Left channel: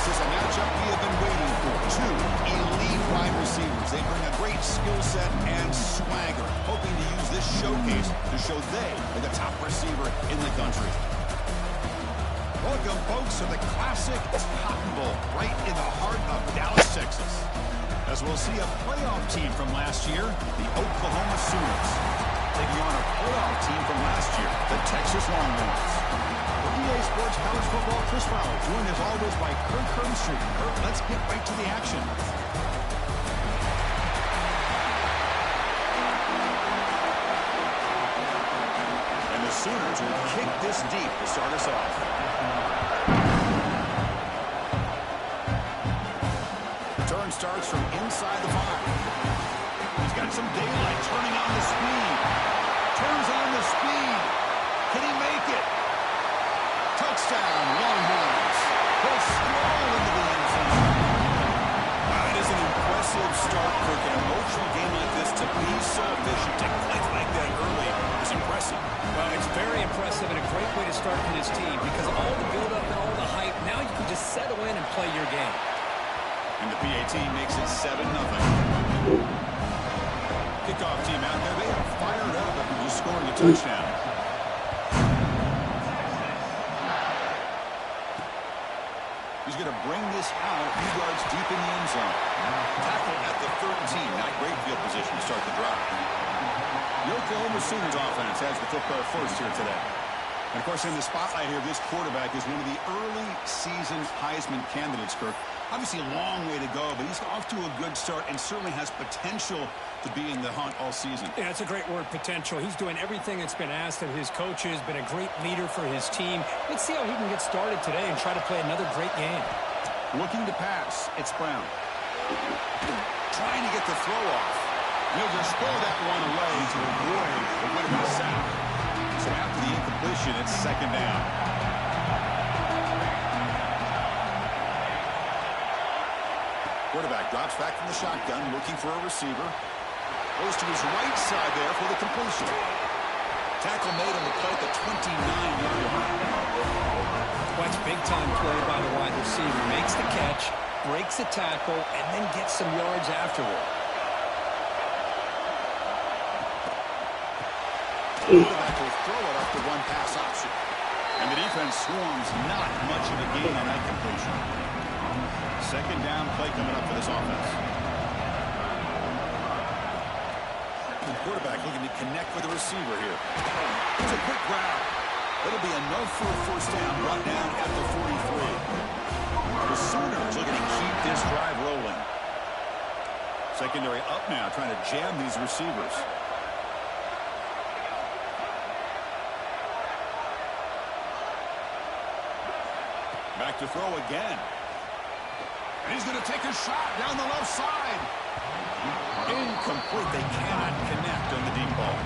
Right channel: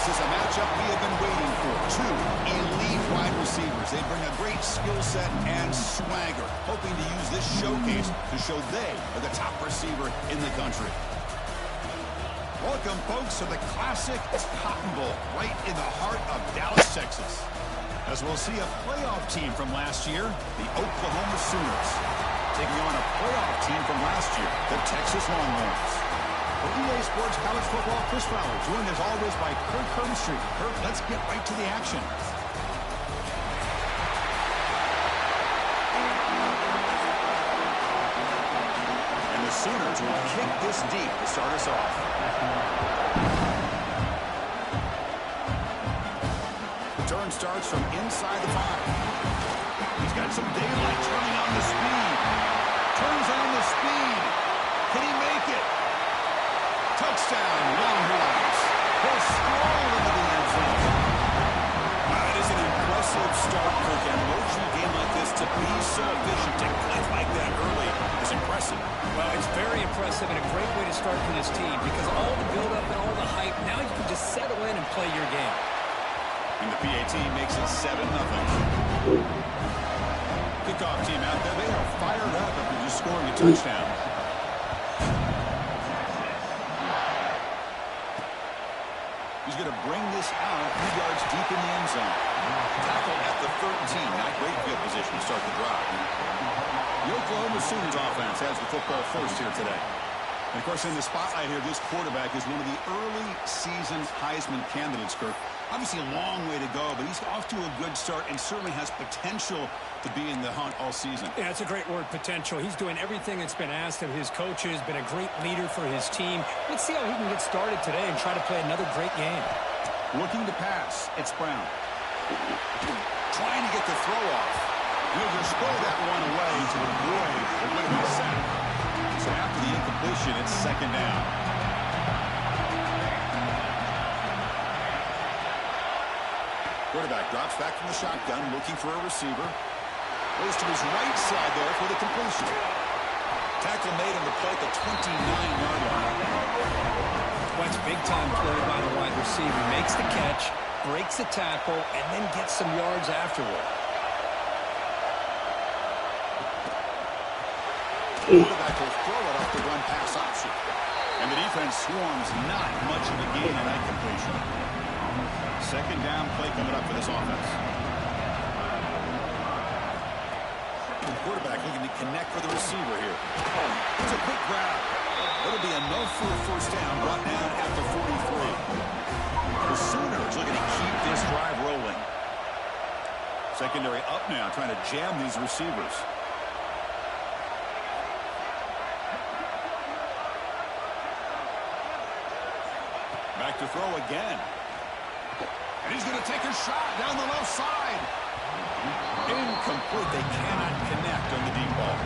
This is a matchup we have been waiting for. Two elite wide receivers. They bring a great skill set and swagger, hoping to use this showcase to show they are the top receiver in the country. Welcome, folks, to the classic Cotton Bowl, right in the heart of Dallas, Texas. As we'll see a playoff team from last year, the Oklahoma Sooners, taking on a playoff team from last year, the Texas Longhorns. For EA Sports College Football, Chris Fowler, joined as always by Kirk Herbstreit. Kirk, let's get right to the action. And the Sooners will kick this deep to start us off. Return starts from inside the 5. He's got some daylight, turning on the speed. Turns on the speed. Can he make it? Touchdown, Longhorns. He'll stroll into the end zone. Wow, it is an impressive start, Kirk. An emotional game like this, to be so efficient, to click like that early is impressive. Well, it's very impressive and a great way to start for this team because all the build-up and all the hype, now you can just settle in and play your game. And the PAT makes it 7-0. Kickoff team out there, they are fired up after just scoring a touchdown. He's going to bring this out a few yards deep in the end zone. Tackle at the 13. Not great field position to start the drive. The Oklahoma Sooners offense has the football first here today. And, of course, in the spotlight here, this quarterback is one of the early season Heisman candidates, Kirk. Obviously a long way to go, but he's off to a good start and certainly has potential to be in the hunt all season. Yeah, it's a great word, potential. He's doing everything that's been asked of his coaches, been a great leader for his team. Let's see how he can get started today and try to play another great game. Looking to pass, it's Brown. Trying to get the throw off. And he'll just throw that one away to avoid the would-be sack. So after the incompletion, it's second down. Quarterback drops back from the shotgun, looking for a receiver. Goes to his right side there for the completion. Tackle made on the play at the 29-yard line. Well, it's big-time play by the wide receiver. Makes the catch, breaks the tackle, and then gets some yards afterward. Quarterback will throw it off the one-pass option. And the defense swarms not much of a gain on that completion. Second down play coming up for this offense. The quarterback looking to connect with the receiver here. Here's a quick grab. That'll be enough for a first down, brought down at the 43. The Sooners looking to keep this drive rolling. Secondary up now, trying to jam these receivers. Back to throw again. And he's going to take a shot down the left side. Incomplete. They cannot connect on the deep ball.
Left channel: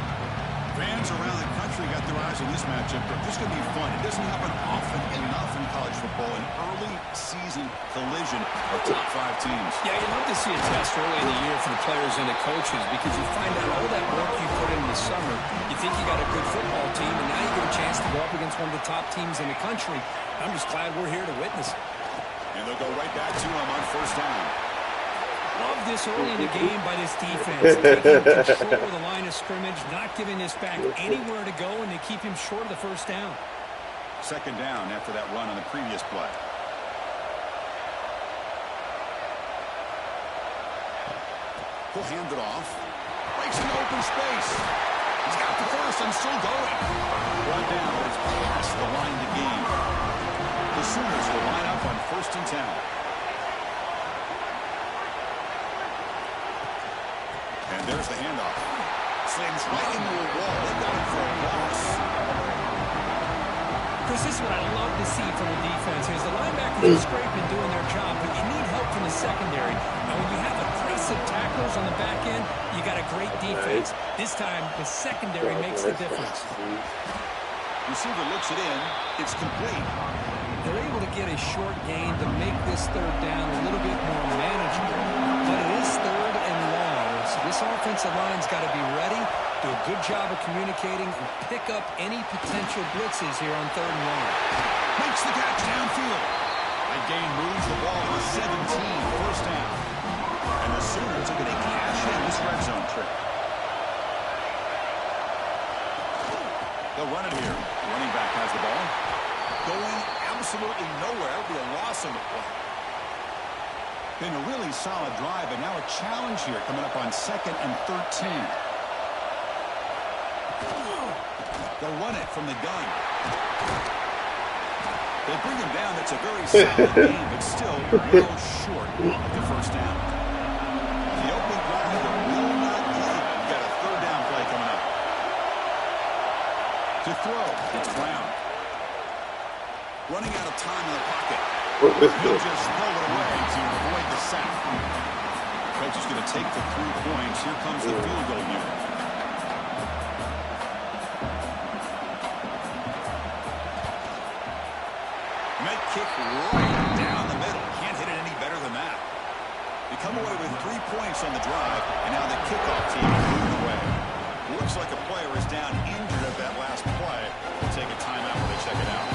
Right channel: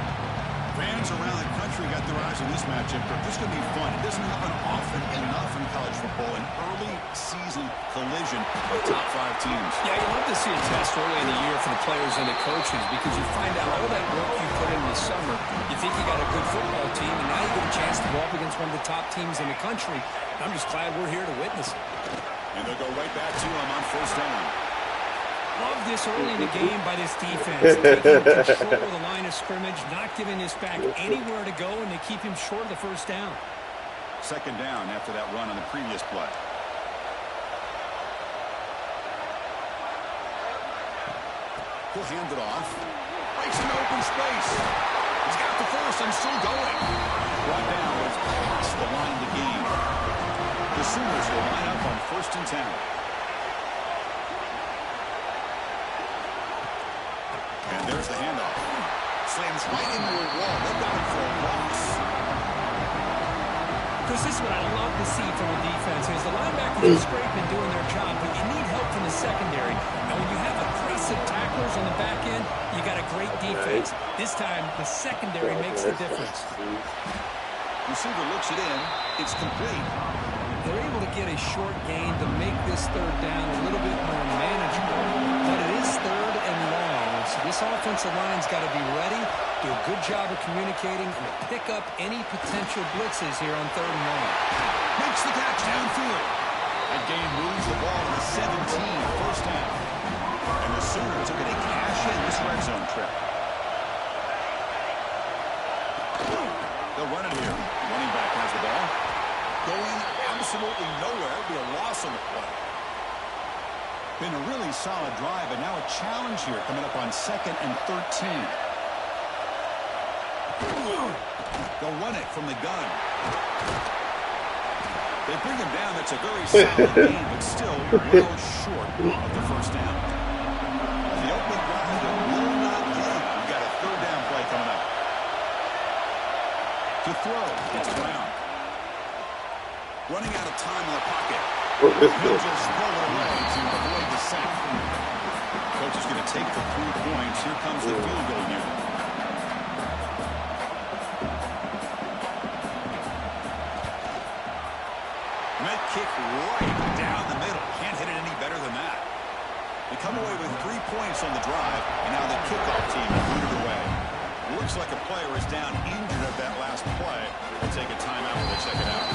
Fans around the country got their eyes on this matchup. This is going to be fun. It doesn't happen often enough in college football. An early season collision of top 5 teams. Yeah, you love to see a test early in the year for the players and the coaches because you find out all that work you put in the summer. You think you got a good football team, and now you get a chance to go up against one of the top teams in the country. I'm just glad we're here to witness it. And they'll go right back to him on first down. Love this early in the game by this defense. Taking control of the line of scrimmage, not giving this back anywhere to go, and they keep him short of the first down. Second down after that run on the previous play. He'll hand it off. Breaks into open space. He's got the first and still going. Brought down, but it's past the line to gain. The Sooners will line up on 1st and 10. And there's the handoff. Slams right into a wall. They got him for a loss. Chris, this is what I love to see from the defense is the linebackers are scraping doing their job, but you need help from the secondary. And when you have aggressive tacklers on the back end, you got a great defense. This time, the secondary makes the difference. Receiver looks it in. It's complete. They're able to get a short gain to make this third down a little bit more manageable. But it is third and long. So this offensive line's got to be ready, do a good job of communicating, and pick up any potential blitzes here on third and long. Makes the catch downfield. That gain moves the ball to the 17, first down. And the Sooners are going to cash in this red zone trip. They'll run it here. Running back has the ball. Going absolutely nowhere. It'll be a loss on the play. Been a really solid drive, and now a challenge here coming up on 2nd and 13. They'll run it from the gun. They bring him down. That's a very solid game, but still well short of the first down. The opening drive that will not get. We've got a 3rd down play coming up. To throw, it's Brown. Running out of time in the pocket. He'll just throw it away to avoid the sack. Coach is going to take the 3 points. Here comes the field goal unit. And that kick right down the middle. Can't hit it any better than that. They come away with 3 points on the drive, and now the kickoff team will boot it away. Looks like a player is down injured at that last play. They'll take a timeout while they check it out.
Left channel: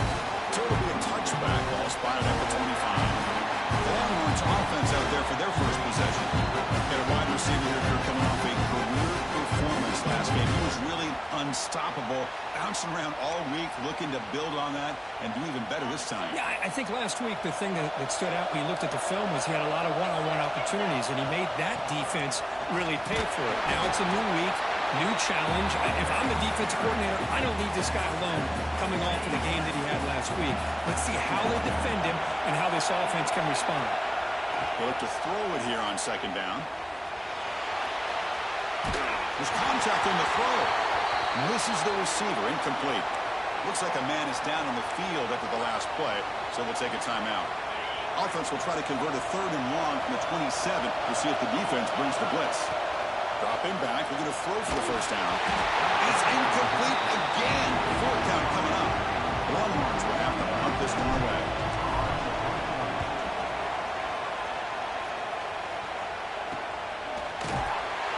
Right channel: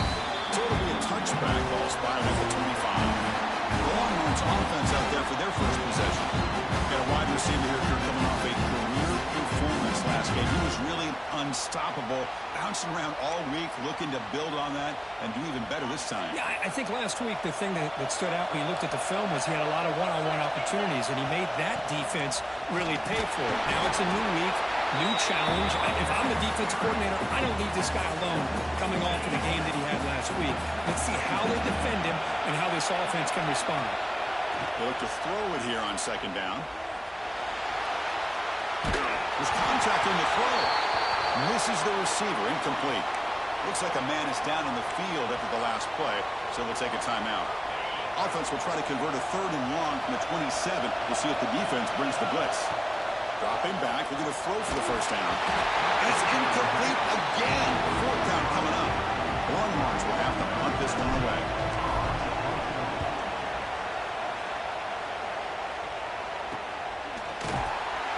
So it'll be a touchback ball spotted at the 25. The Longhorns offense out there for their first possession. Got a wide receiver here, Kirk, coming off a career performance last game. He was really unstoppable, bouncing around all week, looking to build on that and do even better this time. Yeah, I think last week the thing that stood out when you looked at the film was he had a lot of one-on-one opportunities, and he made that defense really pay for it. Now it's a new week. New challenge. If I'm the defensive coordinator, I don't leave this guy alone coming off of the game that he had last week. Let's see how they defend him and how this offense can respond. They look to throw it here on 2nd down. There's contact on the throw. Misses the receiver. Incomplete. Looks like a man is down on the field after the last play, so we'll take a timeout. Offense will try to convert a 3rd and long from the 27. We'll see if the defense brings the blitz. Dropping back, looking to throw for the first down. It's incomplete again. 4th down coming up. Longhorns will have to punt this one away.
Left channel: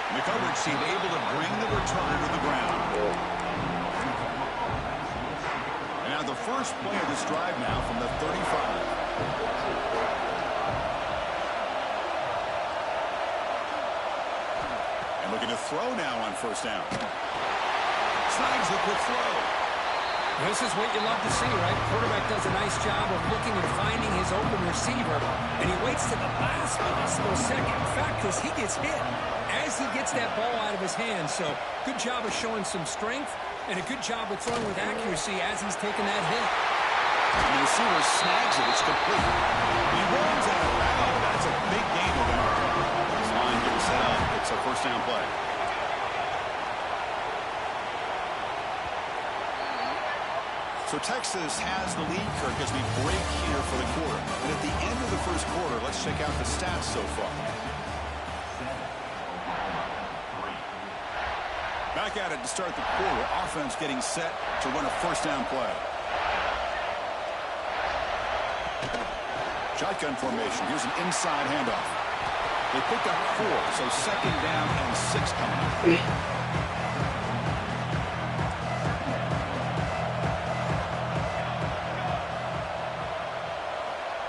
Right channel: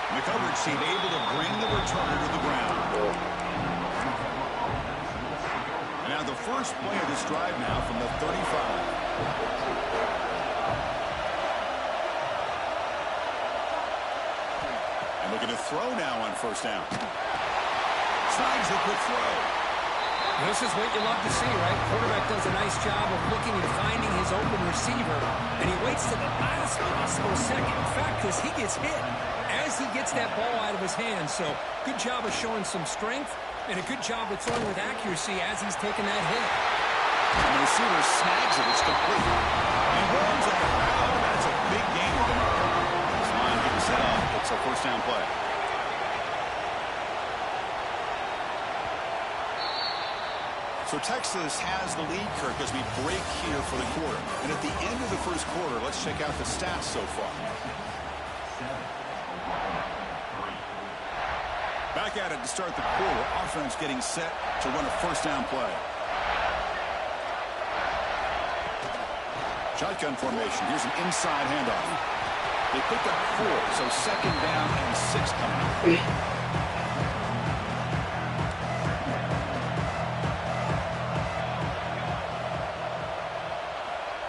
And the coverage team able to bring the returner to the ground. And now the first play of this drive now from the 35. Looking to throw now on 1st down. Snags the quick throw. This is what you love to see, right? Quarterback does a nice job of looking and finding his open receiver, and he waits to the last possible second. In fact, because he gets hit as he gets that ball out of his hands. So good job of showing some strength, and a good job of throwing with accuracy as he's taking that hit. And the receiver snags it. It's complete. He runs out of bounds. That's a big gain there. This line getting set up. It's a 1st down play. So Texas has the lead, Kirk, as we break here for the quarter. And at the end of the first quarter, let's check out the stats so far. Back at it to start the quarter. Offense getting set to run a 1st down play. Shotgun formation. Here's an inside handoff. They pick up 4, so 2nd down and 6 coming up.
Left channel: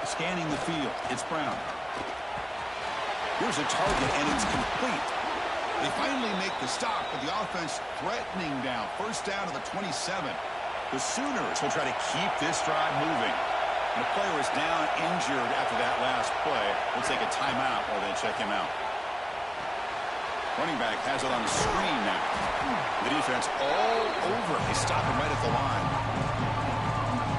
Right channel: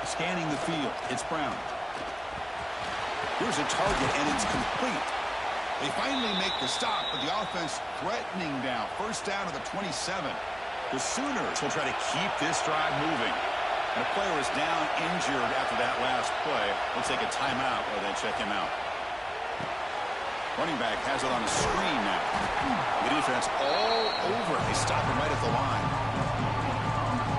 Scanning the field. It's Brown. Here's a target, and it's complete. They finally make the stop, but the offense threatening now. 1st down to the 27. The Sooners will try to keep this drive moving. And a player is down injured after that last play. We'll take a timeout while they check him out. Running back has it on the screen now. The defense all over it. They stop him right at the line.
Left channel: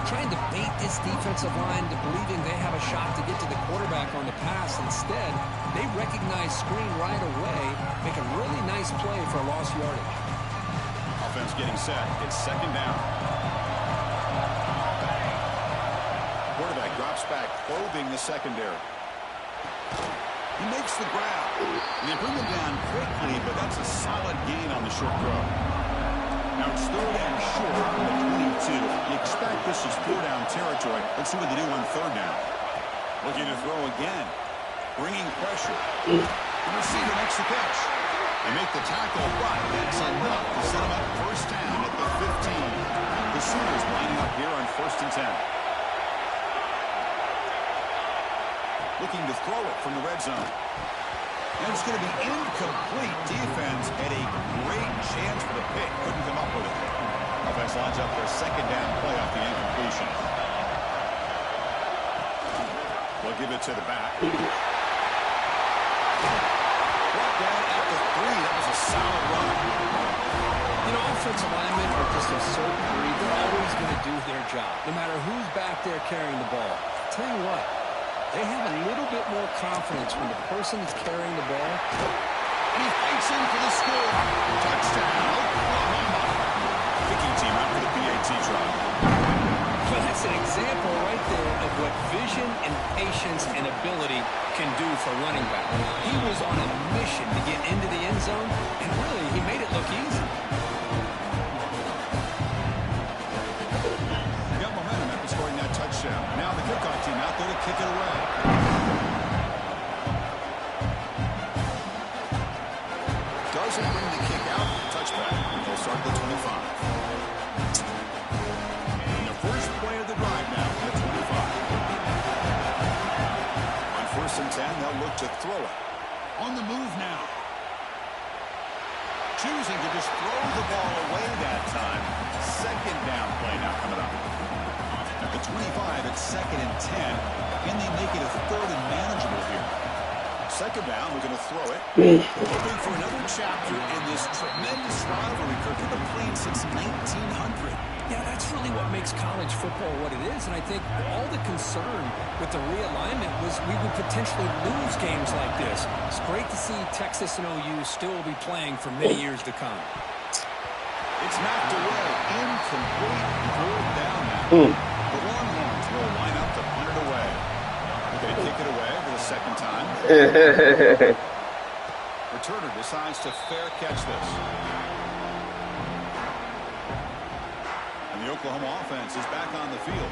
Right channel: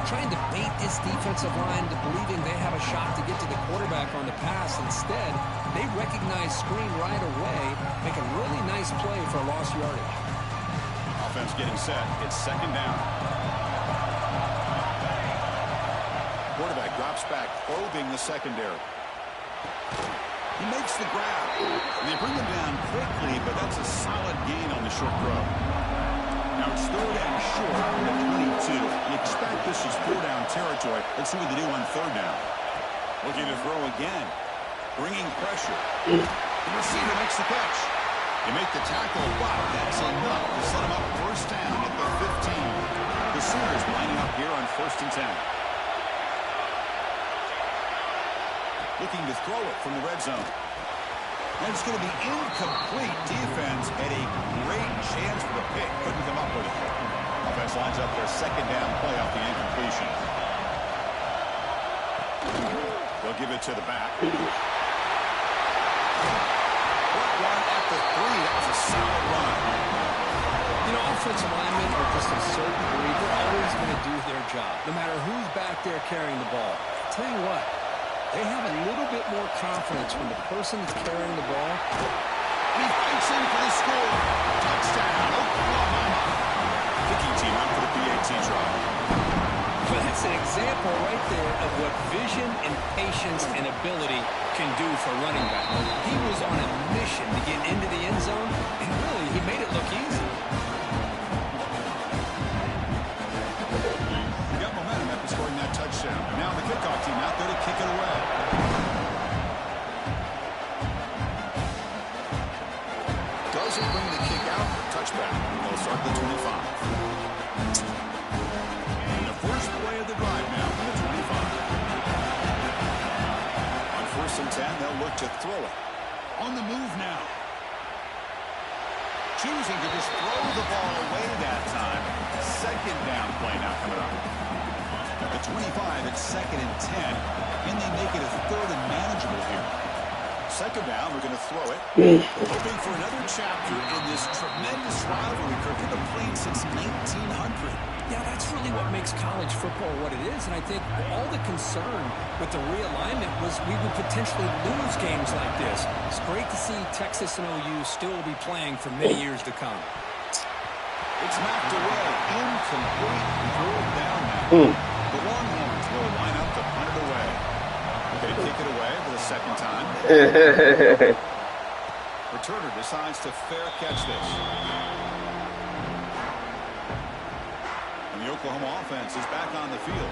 Trying to bait this defensive line to believing they have a shot to get to the quarterback on the pass. Instead, they recognize screen right away, make a really nice play for a lost yardage. Offense getting set. It's 2nd down. Quarterback drops back, probing the secondary. He makes the grab. And they bring him down quickly, but that's a solid gain on the short throw. Now it's 3rd and short from the 22. You expect this is 4-down territory. Let's see what they do on 3rd down. Looking to throw again. Bringing pressure. The receiver makes the catch. They make the tackle, but that's enough to set him up 1st down at the 15. The Sooners lining up here on 1st and 10. Looking to throw it from the red zone. And it's going to be incomplete. Defense had a great chance for the pick. Couldn't come up with it. Offense lines up their second down play off the incompletion. They'll give it to the back. Brought down at the 3. That was a solid run. You know, offensive linemen are just a certain breed. They're always going to do their job, no matter who's back there carrying the ball. I'll tell you what, they have a little bit more confidence when the person that's carrying the ball. And he fights in for the score. Touchdown, Oklahoma. Kicking team out for the PAT try. Well, that's an example right there of what vision and patience and ability can do for running back. He was on a mission to get into the end zone, and really, he made it look easy. He got momentum after scoring that touchdown. Now the kickoff team out there to kick it away. Doesn't bring the kick out. Touchback. They'll start the 25. First play of the drive now from the 25. On 1st and 10, they'll look to throw it. On the move now. Choosing to just throw the ball away that time. Second down play now coming up. At the 25, it's 2nd and 10. Can they make it a 3rd and manageable here? Second down, we're going to throw it. Hoping for another chapter in this tremendous rivalry. Kirk, they've been playing since 1900. Yeah, that's really what makes college football what it is. And I think all the concern with the realignment was we would potentially lose games like this. It's great to see Texas and OU still be playing for many years to come. It's knocked away. Incomplete. 4th down now. The Longhorns will line up to punt it away. They kick it away for the 2nd time. Returner decides to fair catch this. And the Oklahoma offense is back on the field.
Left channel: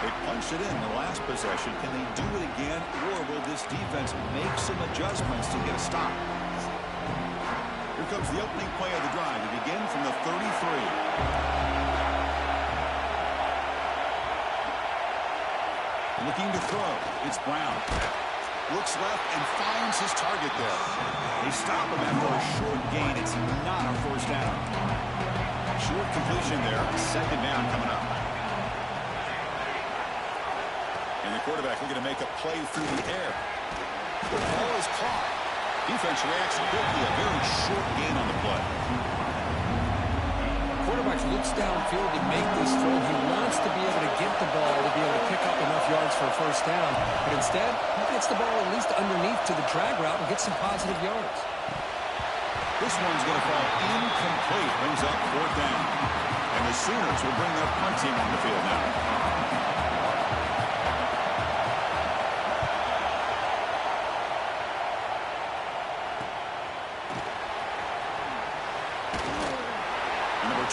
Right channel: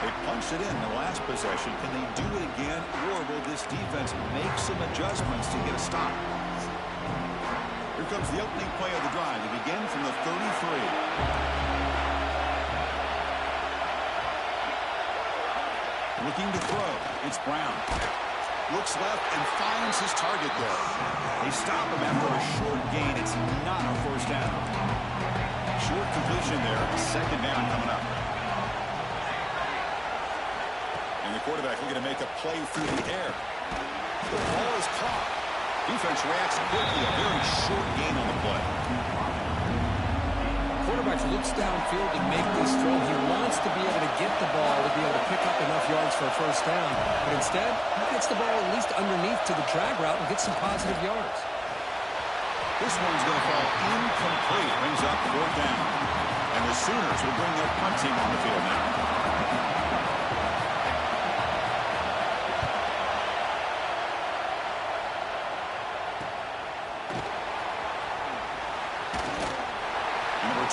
They punched it in the last possession. Can they do it again, or will this defense make some adjustments to get a stop? Here comes the opening play of the drive to begin from the 33. Looking to throw. It's Brown. Looks left and finds his target there. They stop him after a short gain. It's not a 1st down. Short completion there. 2nd down coming up. And the quarterback looking to make a play through the air. The ball is caught. Defense reacts quickly. A very short gain on the play. Quarterback looks downfield to make this throw. He wants to be able to get the ball to be able to pick up enough yards for a 1st down. But instead, he gets the ball at least underneath to the drag route and gets some positive yards. This one's going to fall incomplete. Brings up 4th down. And the Sooners will bring their punt team on the field now.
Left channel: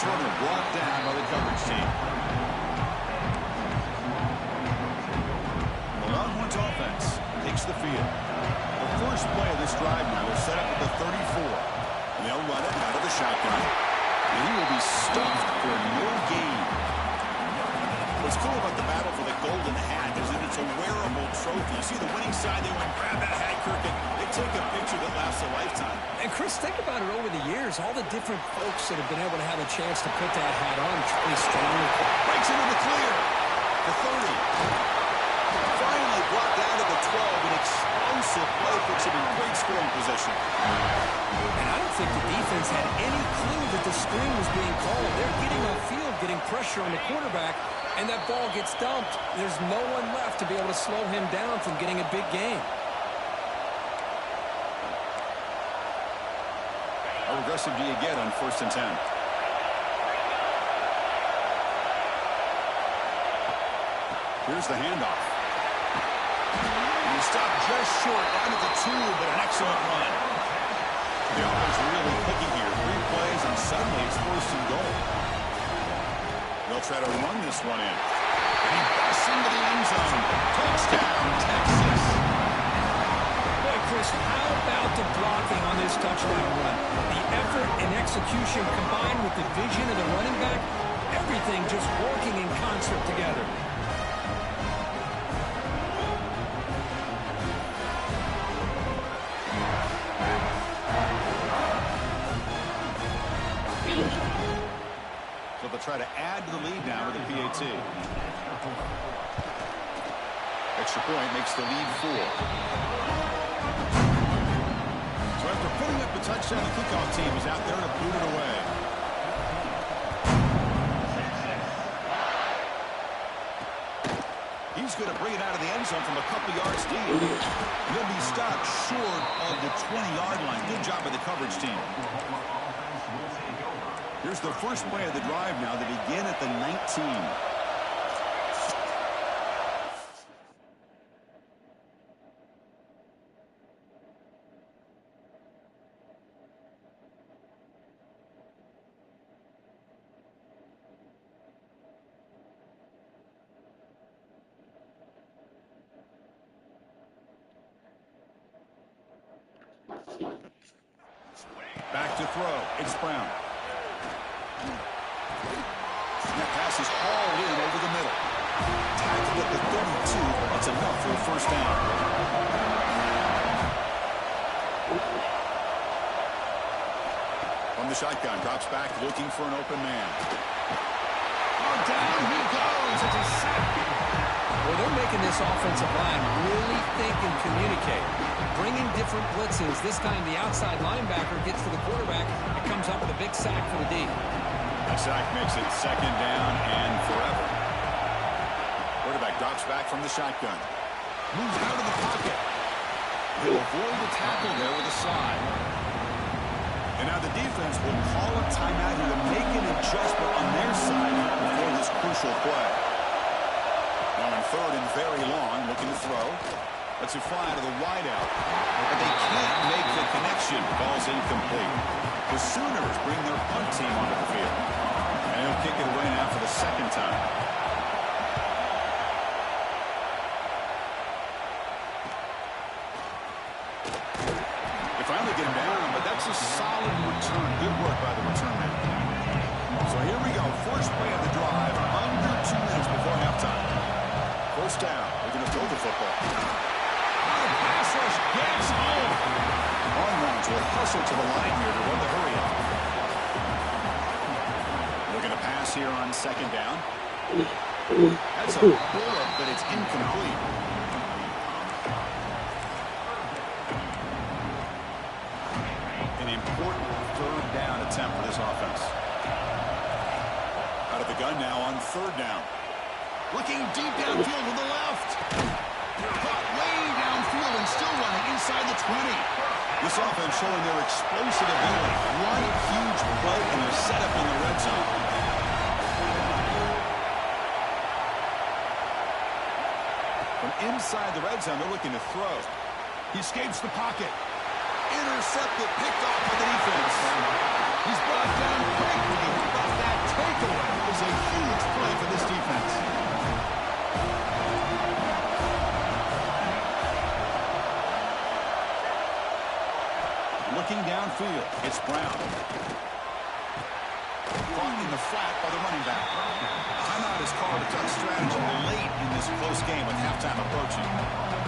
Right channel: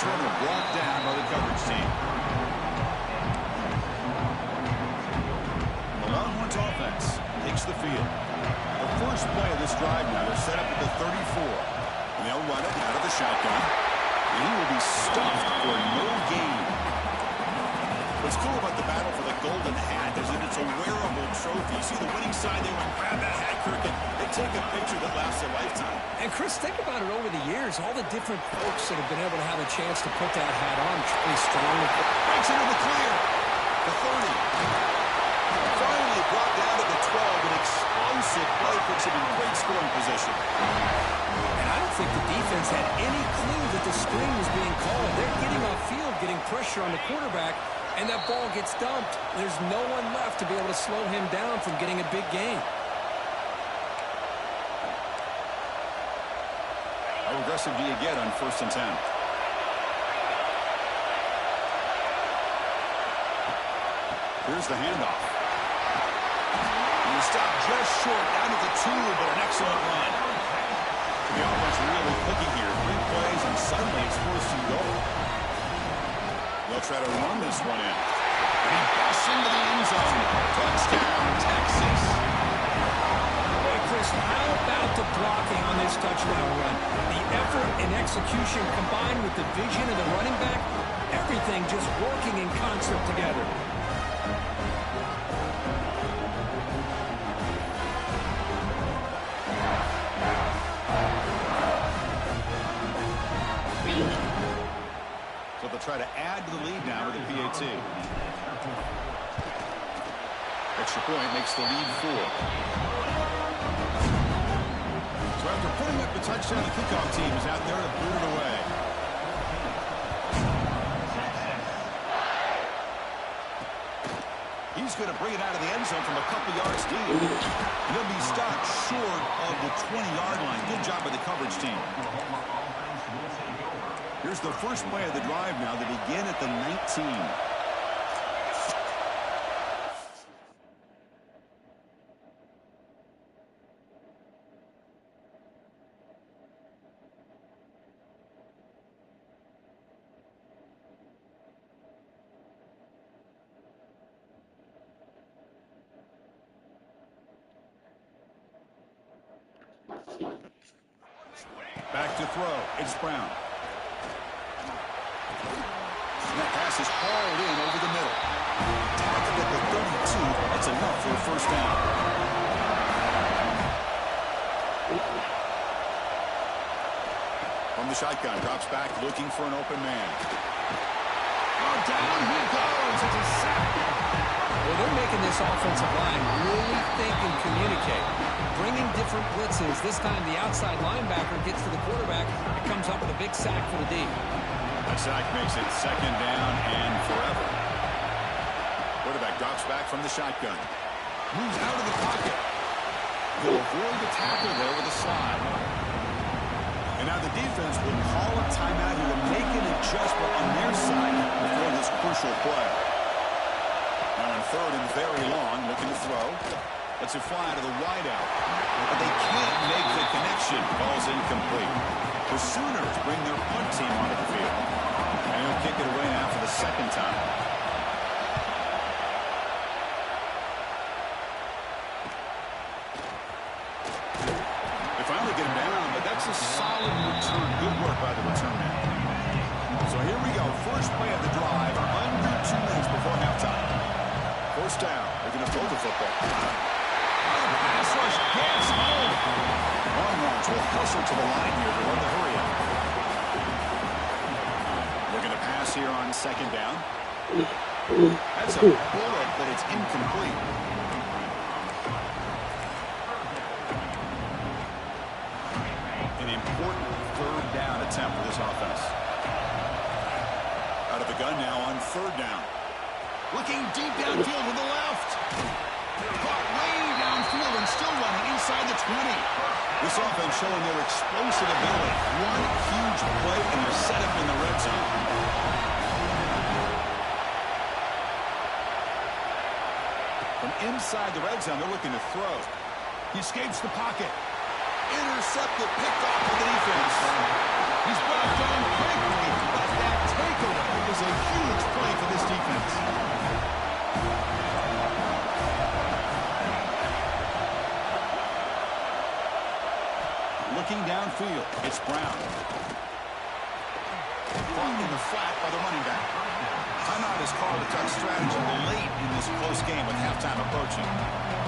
Returner brought down by the coverage team. The Longhorns offense takes the field. The first play of this drive now, they're set up at the 34. And they'll run it out of the shotgun. And he will be stuffed for no gain. What's cool about the battle for the golden hat is that it's a wearable trophy. You see the winning side, they went and grab that hat, Kirk, and they take a picture that lasts a lifetime. And Chris, think about it over the years, all the different folks that have been able to have a chance to put that hat on. Really strong. Breaks into the clear. The 30. Finally brought down to the 12. An explosive play puts him in great scoring position. And I don't think the defense had any clue that the screen was being called. They're getting off field, getting pressure on the quarterback, and that ball gets dumped. There's no one left to be able to slow him down from getting a big gain. How aggressive do you get on 1st and 10? Here's the handoff. And he stopped just short, down at the 2, but an excellent run. The offense really clicking here. 3 plays, and suddenly it's 1st and goal. They'll try to run this one in. And he busts into the end zone. Touchdown, Texas. Boy, Chris, how about the blocking on this touchdown run? The effort and execution combined with the vision of the running back, everything just working in concert together. So they'll try to add to the lead now with a PAT. Extra point makes the lead 4. So after putting up the touchdown, the kickoff team is out there to boot it away. He's going to bring it out of the end zone from a couple yards deep. He'll be stopped short of the 20-yard line. Good job by the coverage team. Here's the first play of the drive now. They begin at the 19. Back to throw. It's Brown. And that pass is hauled in over the middle. Tackled at the 32. That's enough for a first down. From the shotgun, drops back looking for an open man. Oh, down he goes. It's a sack. Well, they're making this offensive line really think and communicate. Bringing different blitzes. This time the outside linebacker gets to the quarterback and comes up with a big sack for the D. That sack makes it second down and forever. Quarterback drops back from the shotgun. Moves out of the pocket. He'll avoid the tackle there with a slide. And now the defense will call a timeout here to make an adjustment on their side before this crucial play. Now in third and very long, looking to throw. Lets it fly to the wideout. But they can't make the connection. Ball's incomplete. The Sooners bring their punt team onto the field. And he'll kick it away now for the second time. They finally get him down, but that's a solid return. Good work by the return man. So here we go. First play of the drive. Under 2 minutes before halftime. First down. They're going to throw the football. The pass rush gets home. Longhorns will hustle to the line here to run the hurry up. Looking to pass here on second down. That's a bullet, but it's incomplete. An important third down attempt for this offense. Out of the gun now on third down. Looking deep downfield with the left. Caught way downfield and still running inside the 20. This offense showing their explosive ability. One huge play and they're set up in the red zone. From inside the red zone, they're looking to throw. He escapes the pocket. Intercepted, picked off by the defense. He's brought down quickly, but that takeaway is a huge play for this defense. Looking downfield, it's Brown. Caught in the flat by the running back. Timeout is called. A tough strategy late in this close game with halftime approaching.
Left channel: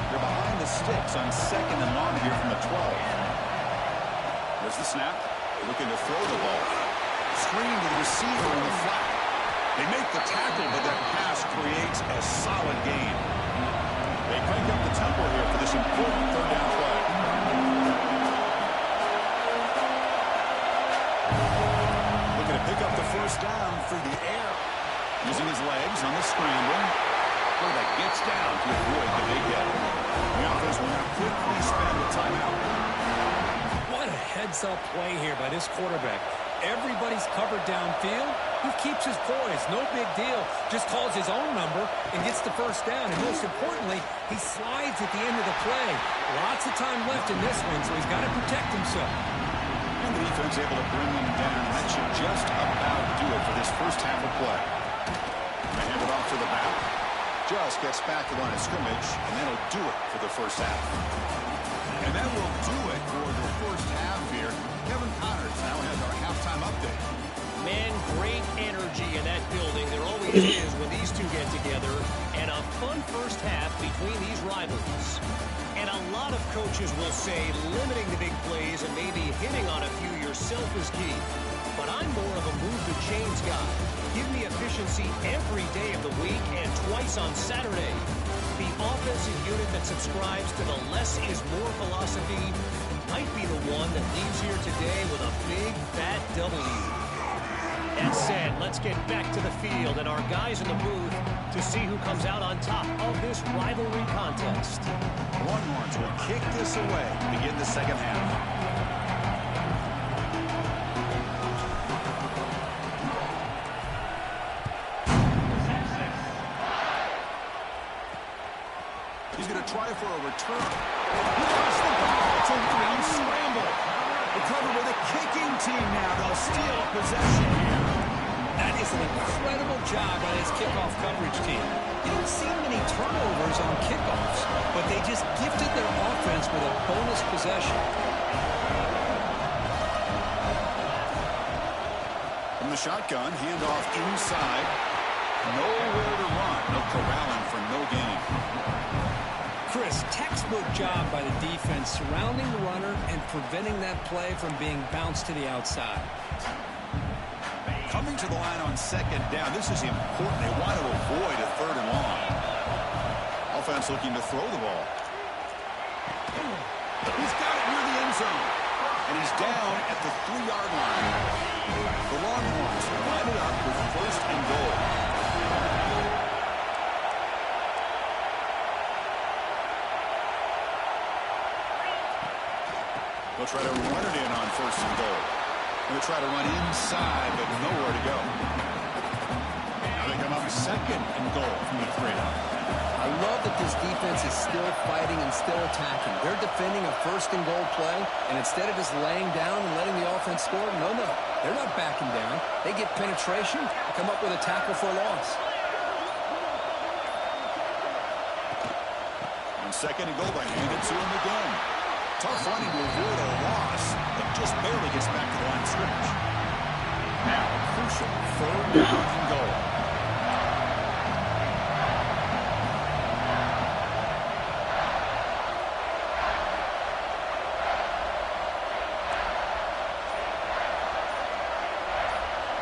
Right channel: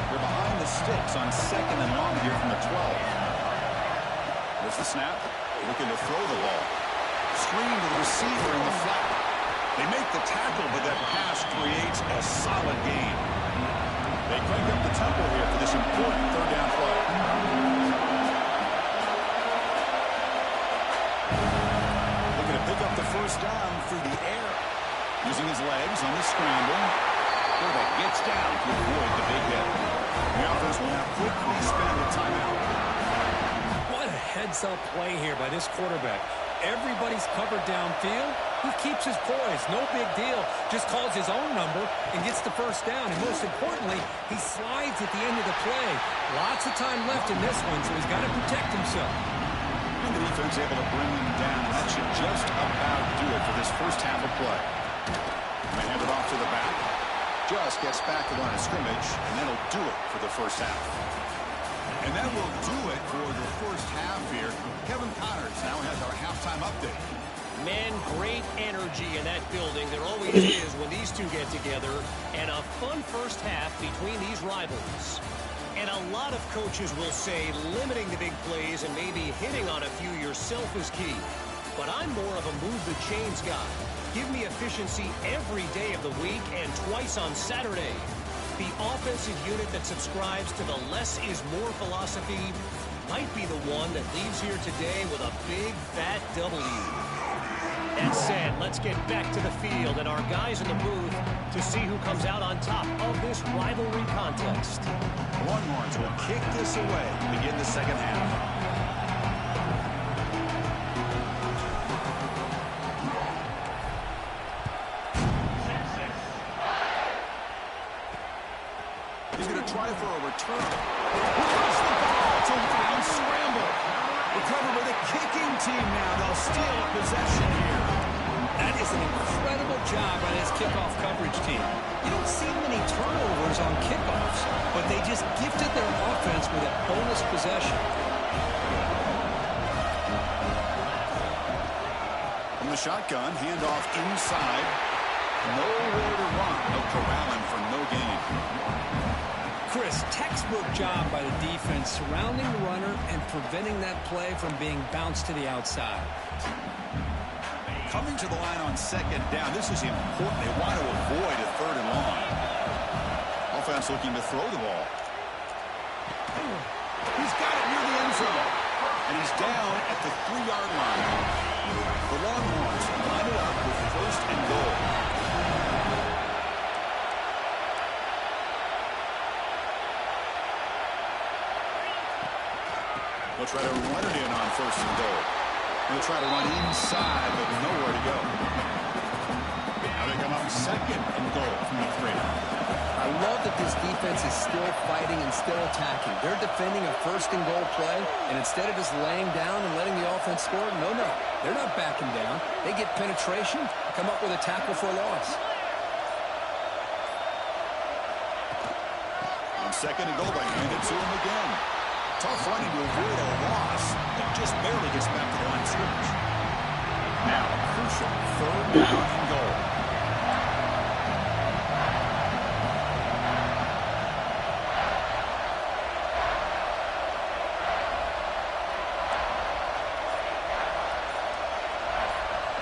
They're behind the sticks on second and long here from the 12. There's the snap. Looking to throw the ball. Screen to the receiver in the flat. They make the tackle, but that pass creates a solid gain. They crank up the tempo here for this important third down play. Looking to pick up the first down through the air. Using his legs on the scramble. Quarterback gets down to avoid the big hit. The offense will now quickly spend a timeout. What a heads-up play here by this quarterback. Everybody's covered downfield. He keeps his poise. No big deal. Just calls his own number and gets the first down. And most importantly, he slides at the end of the play. Lots of time left in this one, so he's got to protect himself. And the defense able to bring him down. That should just about do it for this first half of play. They hand it off to the back. Just gets back to the line of scrimmage, and that'll do it for the first half. And that will do it for the first half here. Kevin Connors now has our halftime update. Man, great energy in that building. There always is when these two get together. And a fun first half between these rivals. And a lot of coaches will say limiting the big plays and maybe hitting on a few yourself is key. but I'm more of a move-the-chains guy. Give me efficiency every day of the week and twice on Saturday. The offensive unit that subscribes to the less is more philosophy might be the one that leaves here today with a big, fat W. That said, let's get back to the field and our guys in the booth to see who comes out on top of this rivalry contest. Longhorns will kick this away to begin the second half. He's going to try for a return. He lost the ball. It's a wild scramble. Recovered by the kicking team now. They'll steal a possession here. That is an incredible job by this kickoff coverage team. You don't see many turnovers on kickoffs, but they just gifted their offense with a bonus possession. From the shotgun, handoff inside. Nowhere to run. No corralling for no gain. Chris, textbook job by the defense surrounding the runner and preventing that play from being bounced to the outside. Coming to the line on second down. This is important. They want to avoid a third and long. Offense looking to throw the ball. He's got it near the end zone. And he's down at the 3-yard line. The Longhorns line it up with first and goal. They'll try to run it in on first and goal. They'll try to run inside, but nowhere to go. Now they come up second and goal from the 3. I love that this defense is still fighting and still attacking. They're defending a first and goal play, and instead of just laying down and letting the offense score, no. They're not backing down. They get penetration, come up with a tackle for a loss. On second and goal, they hand it to him again. Tough running to avoid a loss that just barely gets back to the line of scrimmage. Now a crucial third down and goal.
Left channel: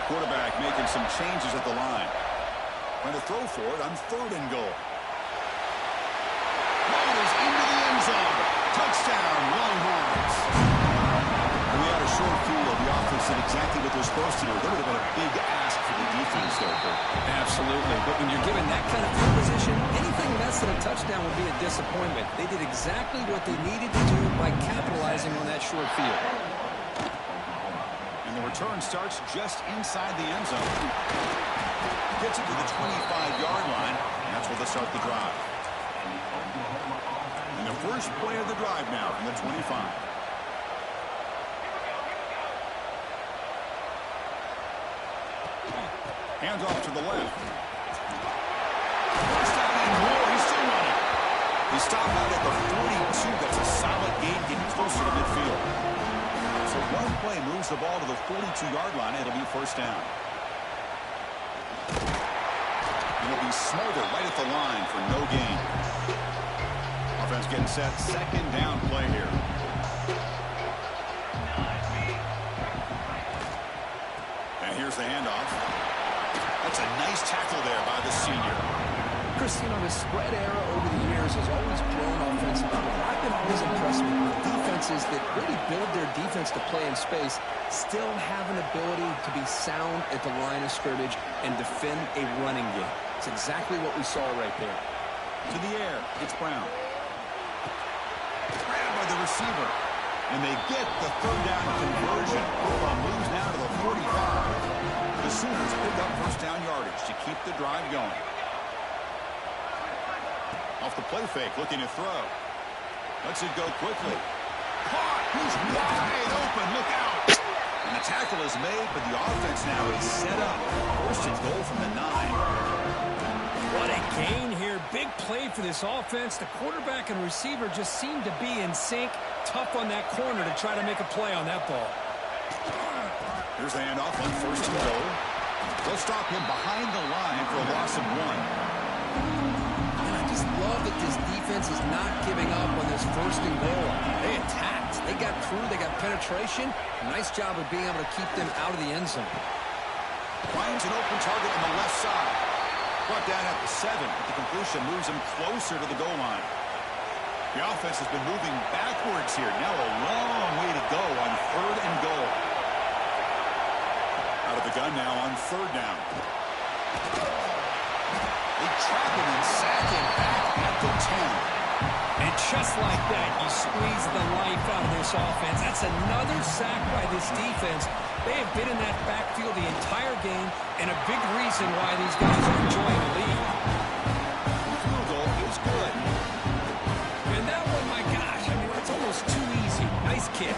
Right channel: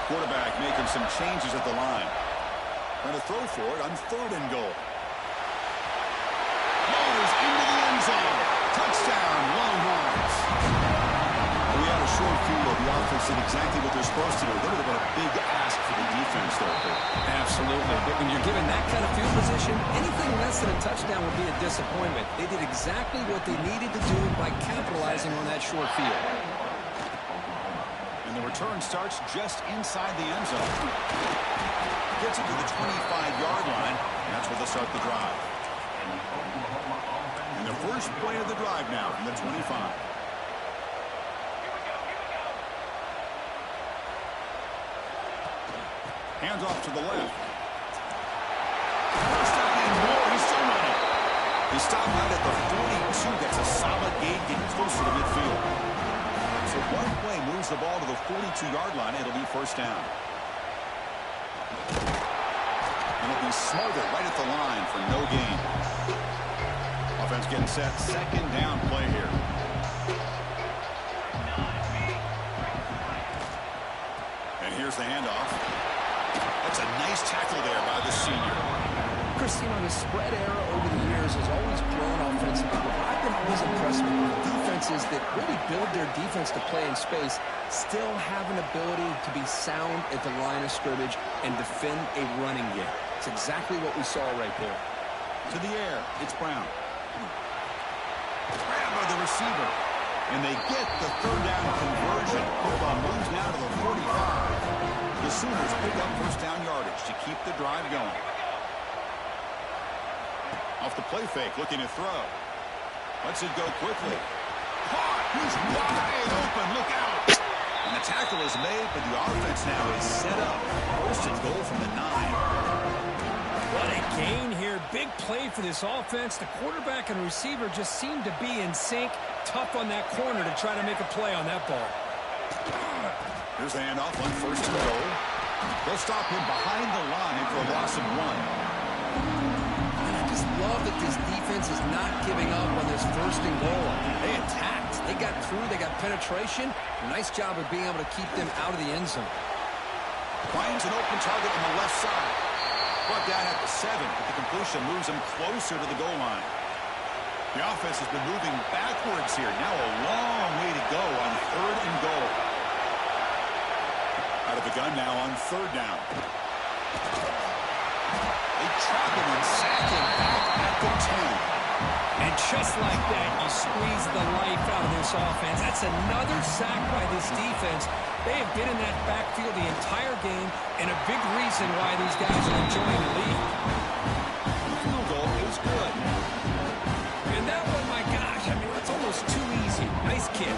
Quarterback making some changes at the line. Trying to throw for it on third and goal. Loaders into the end zone. Touchdown, Longhorns. We had a short field. The offense did exactly what they're supposed to do. That would have been a big ask for the defense there, Kurt. Absolutely. But when you're given that kind of field position, anything less than a touchdown would be a disappointment. They did exactly what they needed to do by capitalizing on that short field. And the return starts just inside the end zone. Gets it to the 25-yard line, and that's where they'll start the drive. And the first play of the drive now from the 25. Hands off to the left. First down and more. He's still running. He stopped out at the 42. That's a solid gain, getting closer to midfield. So one play moves the ball to the 42-yard line. It'll be first down. And it'll be Smarter right at the line for no gain. Offense getting set. Second down play here. And here's the handoff. That's a nice tackle there by the senior. Chris, the spread era over the years has always grown offensively. I've been always impressed with defenses that really build their defense to play in space, still have an ability to be sound at the line of scrimmage and defend a running game. It's exactly what we saw right there. To the air, it's Brown. Grabbed by the receiver. And they get the third down conversion. Football moves now to the 45. The Sooners pick up first down yardage to keep the drive going. Off the play fake, looking to throw. Lets it go quickly. Caught! He's wide open. Look out! And the tackle is made, but the offense now is set up. First and goal from the 9. What a gain here. Big play for this offense. The quarterback and receiver just seem to be in sync. Tough on that corner to try to make a play on that ball. Here's the handoff on first and goal. They'll stop him behind the line for a loss of 1. And a Just love that this defense is not giving up on this first and goal. They attacked. They got through. They got penetration. Nice job of being able to keep them out of the end zone. Finds an open target on the left side. Brought down at the 7, but the completion moves him closer to the goal line. The offense has been moving backwards here. Now a long way to go on 3rd and goal. Out of the gun now on 3rd down. They trap him and sack him back at the 10. And just like that, you squeeze the life out of this offense. That's another sack by this defense. They have been in that backfield the entire game, and a big reason why these guys are enjoying the lead. The field goal is good. And that one, my gosh, I mean, that's almost too easy. Nice kick.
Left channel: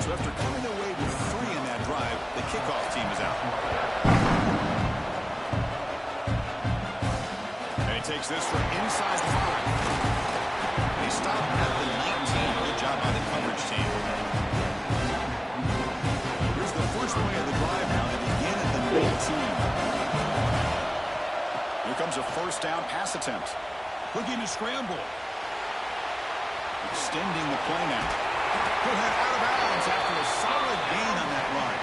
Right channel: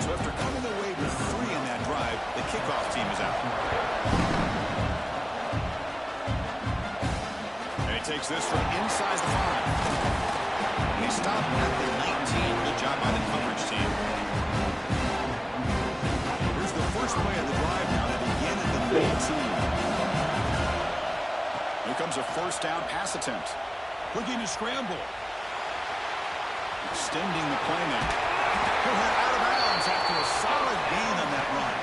So after coming away with 3 in that drive, the kickoff team is out. And he takes this from inside the 5. And he stopped at the 19. Good job by the coverage team. Here's the first play of the drive now. They begin at the 19. Here comes a first down pass attempt. Looking to scramble. Extending the play now. He'll head out of bounds after a solid gain on that run.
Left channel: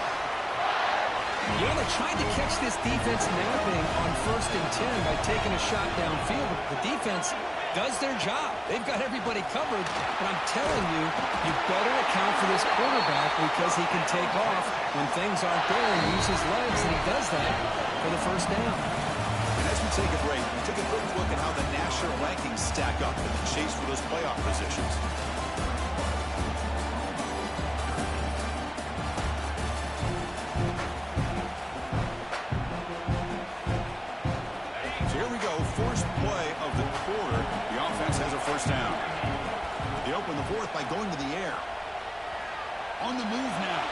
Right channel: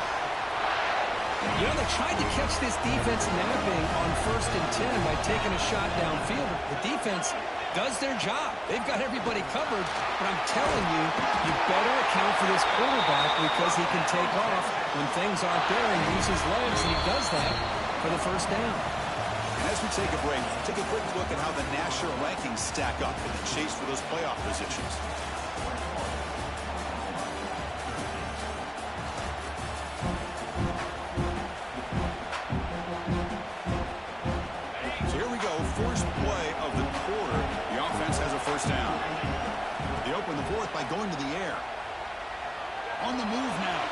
You know, they tried to catch this defense napping on 1st and 10 by taking a shot downfield, but the defense does their job. They've got everybody covered, but I'm telling you, you better account for this quarterback because he can take off when things aren't there and use his legs, and he does that for the first down. And as we take a break, take a quick look at how the national rankings stack up in the chase for those playoff positions. First play of the quarter, the offense has a first down. They open the 4th by going to the air. On the move now.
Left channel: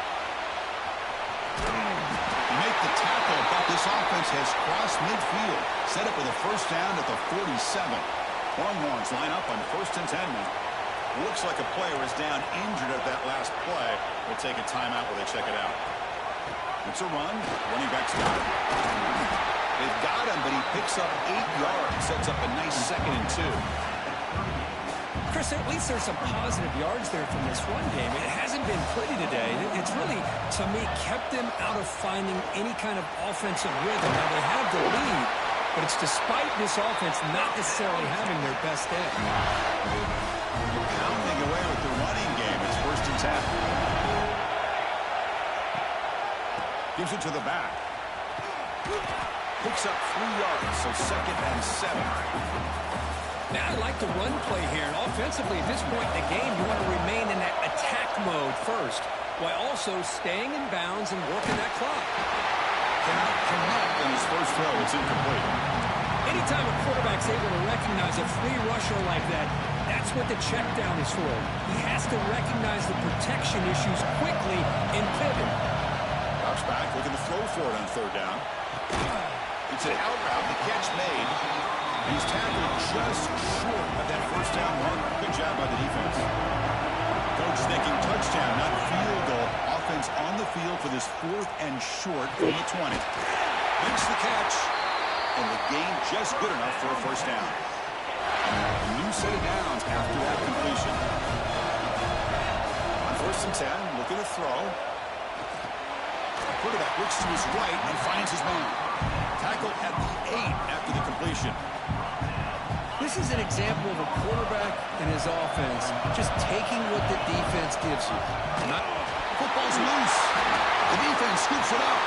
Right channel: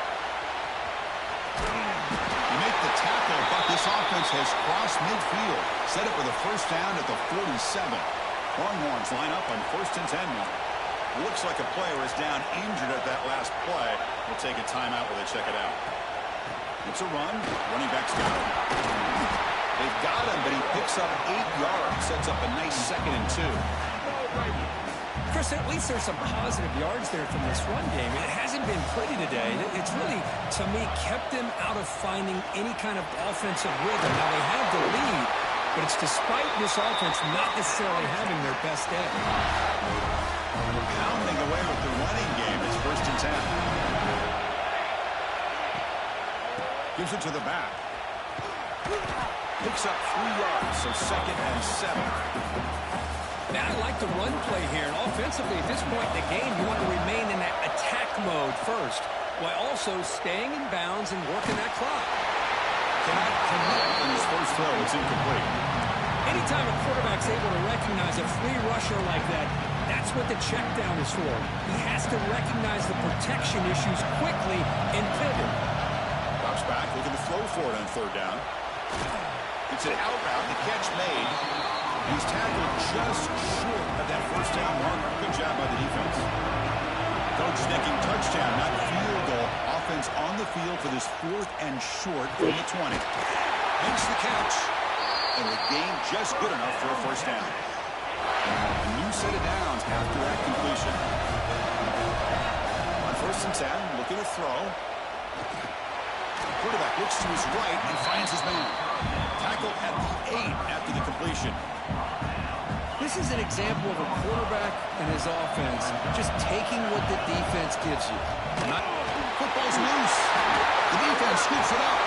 They make the tackle, but this offense has crossed midfield. Set up with a first down at the 47. Longhorns line up on 1st and 10 now. Looks like a player is down injured at that last play. We'll take a timeout while they check it out. It's a run. Running back's got it. They've got him, but he picks up 8 yards. Sets up a nice 2nd and 2. Chris, at least there's some positive yards there from this run game. It hasn't been pretty today. It's really, to me, kept them out of finding any kind of offensive rhythm. Now, they have the lead, but it's despite this offense not necessarily having their best day. They're pounding away with the running game. It's 1st and 10. Gives it to the back. Picks up 3 yards, so 2nd and 7. Now, I like the run play here, and offensively, at this point in the game, you want to remain in that attack mode first, while also staying in bounds and working that clock. Cannot connect on his first throw. It's incomplete. Anytime a quarterback's able to recognize a free rusher like that, that's what the check down is for. He has to recognize the protection issues quickly and pivot. Drops back, looking to throw for it on 3rd down. It's an out route, the catch made. He's tackled just short of that first down mark. Good job by the defense. Coach thinking touchdown, not field goal. Offense on the field for this 4th and short from the 20. Makes the catch, and the gain just good enough for a first down. A new set of downs after that completion. On 1st and 10, looking to throw. Quarterback looks to his right and finds his man. Tackle at the 8 after the completion. This is an example of a quarterback and his offense just taking what the defense gives you. Football's loose. The defense scoops it up.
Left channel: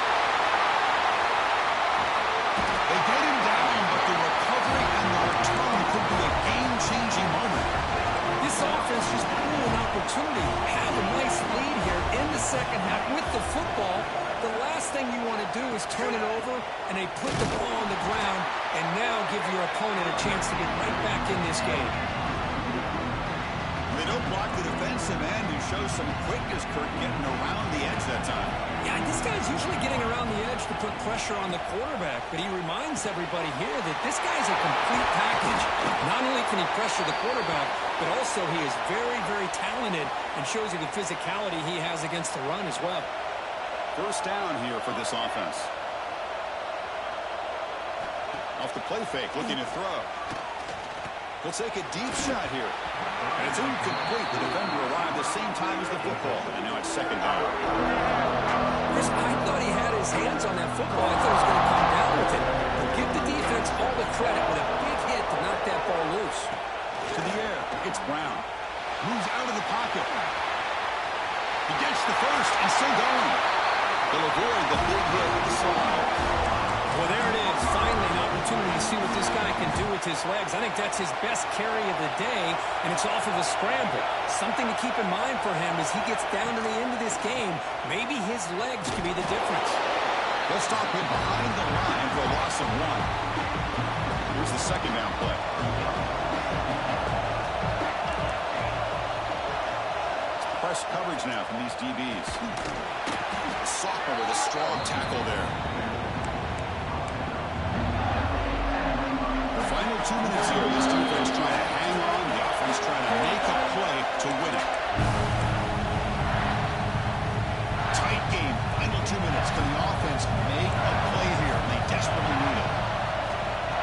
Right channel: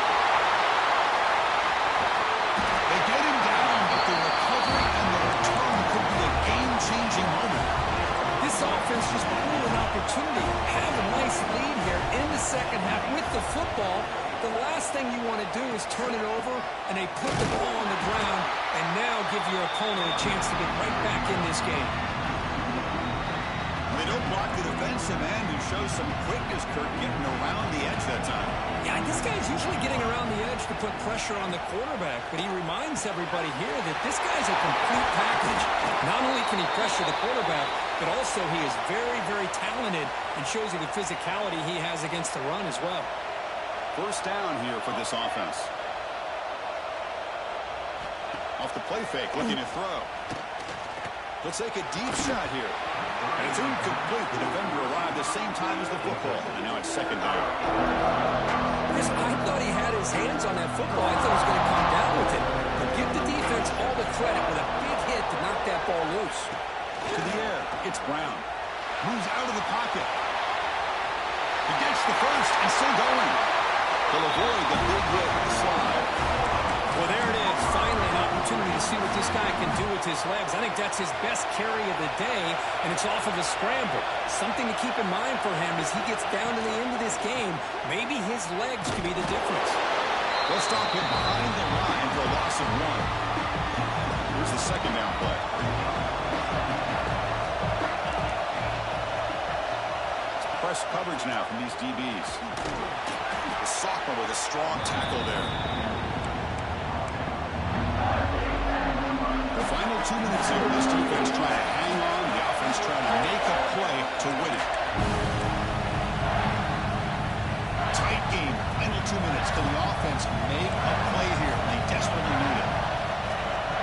They get him down, but the recovery and the return could be a game-changing moment. This offense just blew an opportunity. Have a nice lead here in the second half with the football. The last thing you want to do is turn it over, and they put the ball on the ground and now give your opponent a chance to get right back in this game. They don't block the defensive end, who shows some quickness, Kurt, getting around the edge that time. Yeah, this guy's usually getting around the edge to put pressure on the quarterback, but he reminds everybody here that this guy's a complete package. Not only can he pressure the quarterback, but also he is very, very talented and shows you the physicality he has against the run as well. First down here for this offense. Off the play fake, looking to throw. He'll take a deep shot here. And it's incomplete. The defender arrived the same time as the football. And now it's second down. Chris, I thought he had his hands on that football. I thought he was going to come down with it. But give the defense all the credit with a big hit to knock that ball loose. To the air, it's Brown. Moves out of the pocket. He gets the first and still going. They'll avoid the big hit with the slide. Well, there it is. Finally, an opportunity to see what this guy can do with his legs. I think that's his best carry of the day, and it's off of a scramble. Something to keep in mind for him as he gets down to the end of this game. Maybe his legs could be the difference. They'll stop him behind the line for a loss of 1. Here's the second down play. Press coverage now from these DBs. The sophomore with a strong tackle there. The final 2 minutes here, this defense trying to hang on, the offense trying to make a play to win it. Tight game, final 2 minutes. Can the offense make a play here? They desperately need it.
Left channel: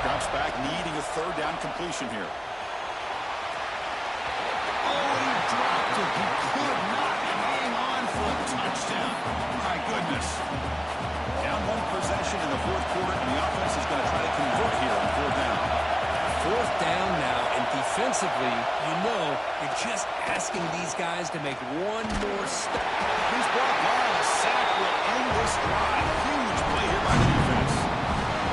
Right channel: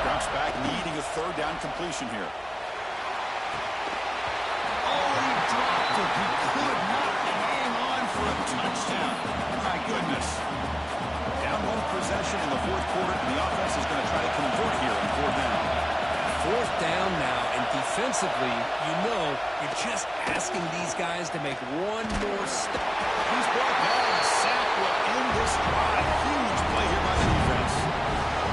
Drops back, needing a third down completion here. Oh, and he dropped it. He could not hang on for a touchdown. My goodness. Down 1 possession in the fourth quarter, and the offense is going to try to convert here on 4th down. 4th down now, and defensively, you know, you're just asking these guys to make one more step. He's brought down. A sack will end this drive. Huge play here by the defense.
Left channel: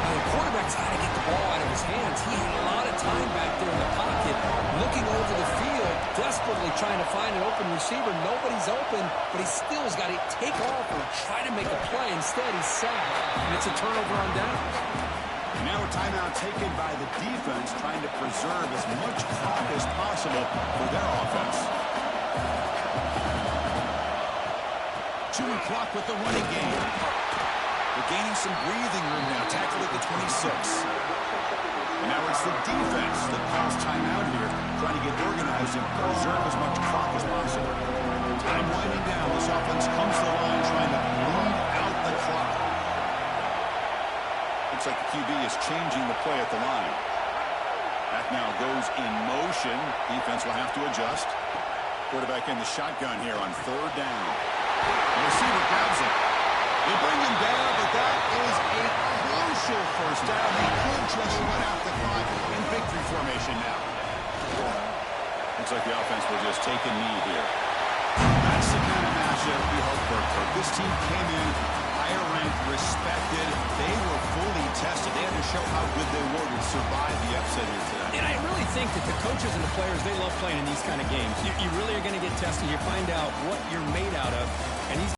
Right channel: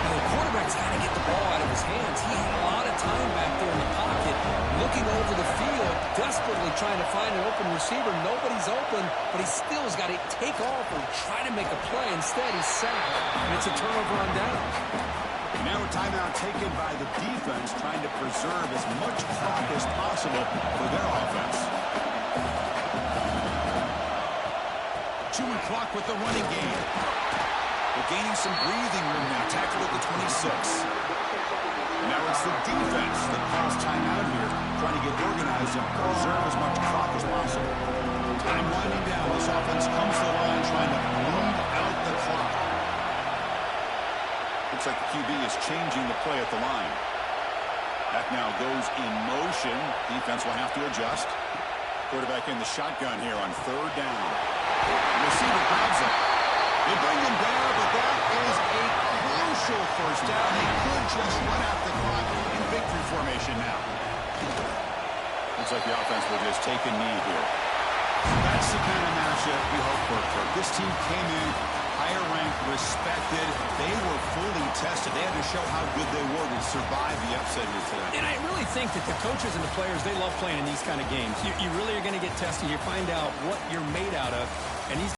Now, the quarterback's got to get the ball out of his hands. He had a lot of time back there in the pocket, looking over the field, desperately trying to find an open receiver. Nobody's open, but he still has got to take off or try to make a play. Instead, he's sacked, and it's a turnover on downs. And now a timeout taken by the defense, trying to preserve as much clock as possible for their offense. Chewing clock with the running game. They're gaining some breathing room now. Tackled at the 26. And now it's the defense that calls timeout here, trying to get organized and preserve as much clock as possible. Time winding down. This offense comes to the line trying to bleed out the clock. Looks like the QB is changing the play at the line. Back now goes in motion. Defense will have to adjust. Quarterback in the shotgun here on 3rd down. The receiver grabs him. They bring him down, but that is a crucial first down. They could just run out the clock in victory formation now. Looks like the offense will just take a knee here. That's the kind of matchup we hope for, Kirk. This team came in higher ranked, respected. They were fully tested. They had to show how good they were to survive the upset here today. And I really think that the coaches and the players, they love playing in these kind of games. You really are going to get tested. You find out what you're made out of. And these